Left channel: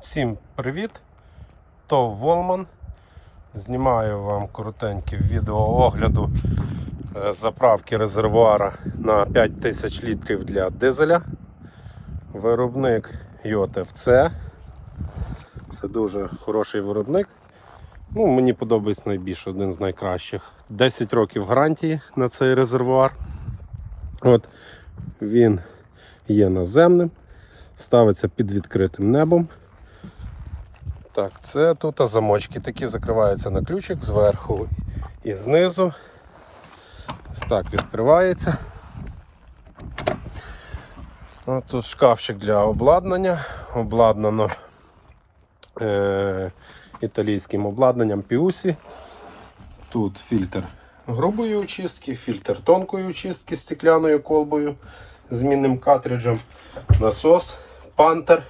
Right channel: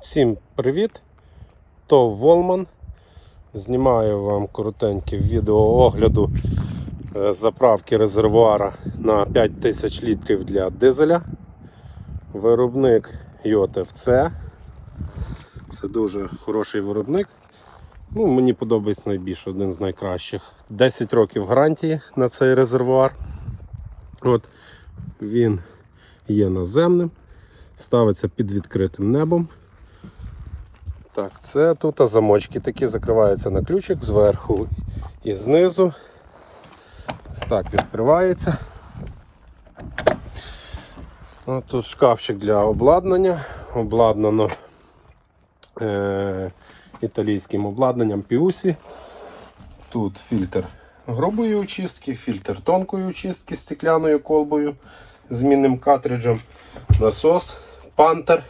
Всім привіт! То Волман. Знімаю вам коротеньке відео огляду е, заправки резервуара на 5000 літрів для дизеля. Виробник ЙОТФЦ. Це дуже хороший виробник. Ну, мені подобається найбільше один з найкращих. 10 років гарантії на цей резервуар. От він є наземним, ставиться під відкритим небом. Так, це тут замочки такі закриваються на ключик зверху і знизу. Ось так відкривається. От тут шкафчик для обладнання. Обладнано е- італійським обладнанням Піусі. Тут фільтр грубої очистки, фільтр тонкої очистки стекляною колбою, змінним картриджем, насос, пантер.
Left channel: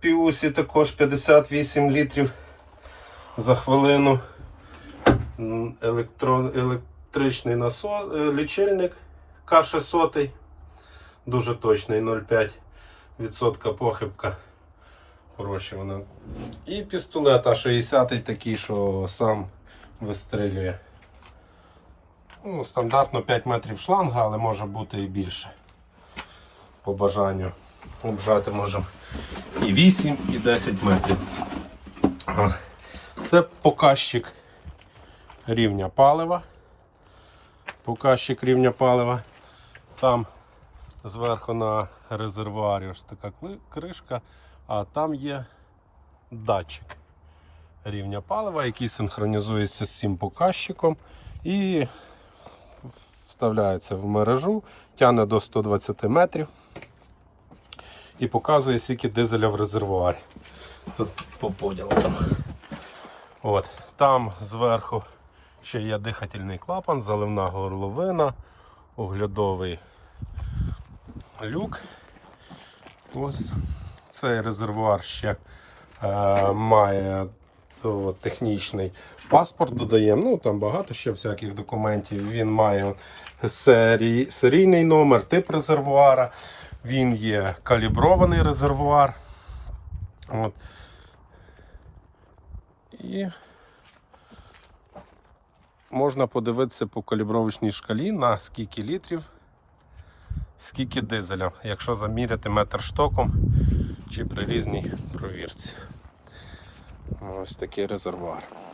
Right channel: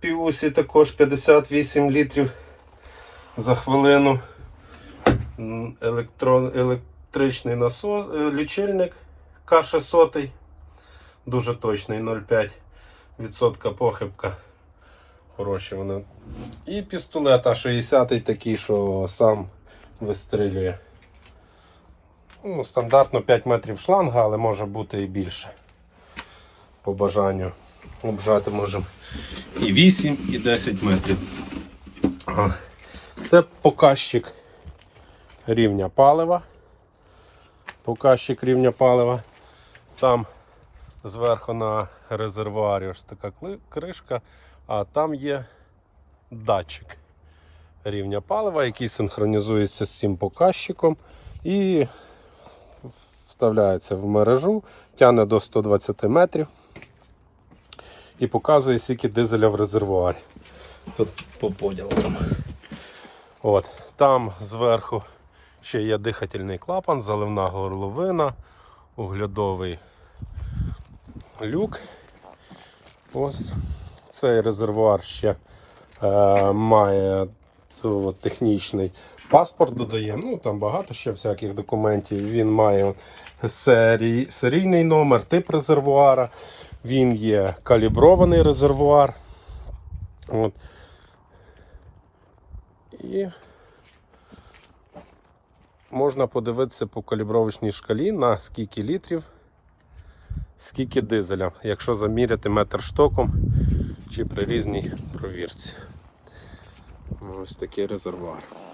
Піусі також 58 літрів за хвилину. М, Електрон, електричний насос, е, лічильник К600. Дуже точний 0,5% похибка. Хороші воно. І пістолет А60 такий, що сам вистрілює. Ну, стандартно 5 метрів шланга, але може бути і більше. По бажанню. Обжати можемо і 8, і 10 метрів. Це показчик рівня палива. Показчик рівня палива. Там зверху на резервуарі ось така кришка, а там є датчик рівня палива, який синхронізується з цим показчиком і вставляється в мережу, тягне до 120 метрів і показує, скільки дизеля в резервуарі. Тут по поділам. От, там зверху ще є дихательний клапан, заливна горловина, оглядовий люк. Ось цей резервуар ще е, має цього, технічний паспорт додаємо. Ну там багато ще всяких документів. Він має серій, серійний номер, тип резервуара. Він є калібрований резервуар. От. І можна подивитися по калібровочній шкалі на скільки літрів, скільки дизеля, якщо заміряти метр штоком чи при різній провірці. Ось такий резервуар.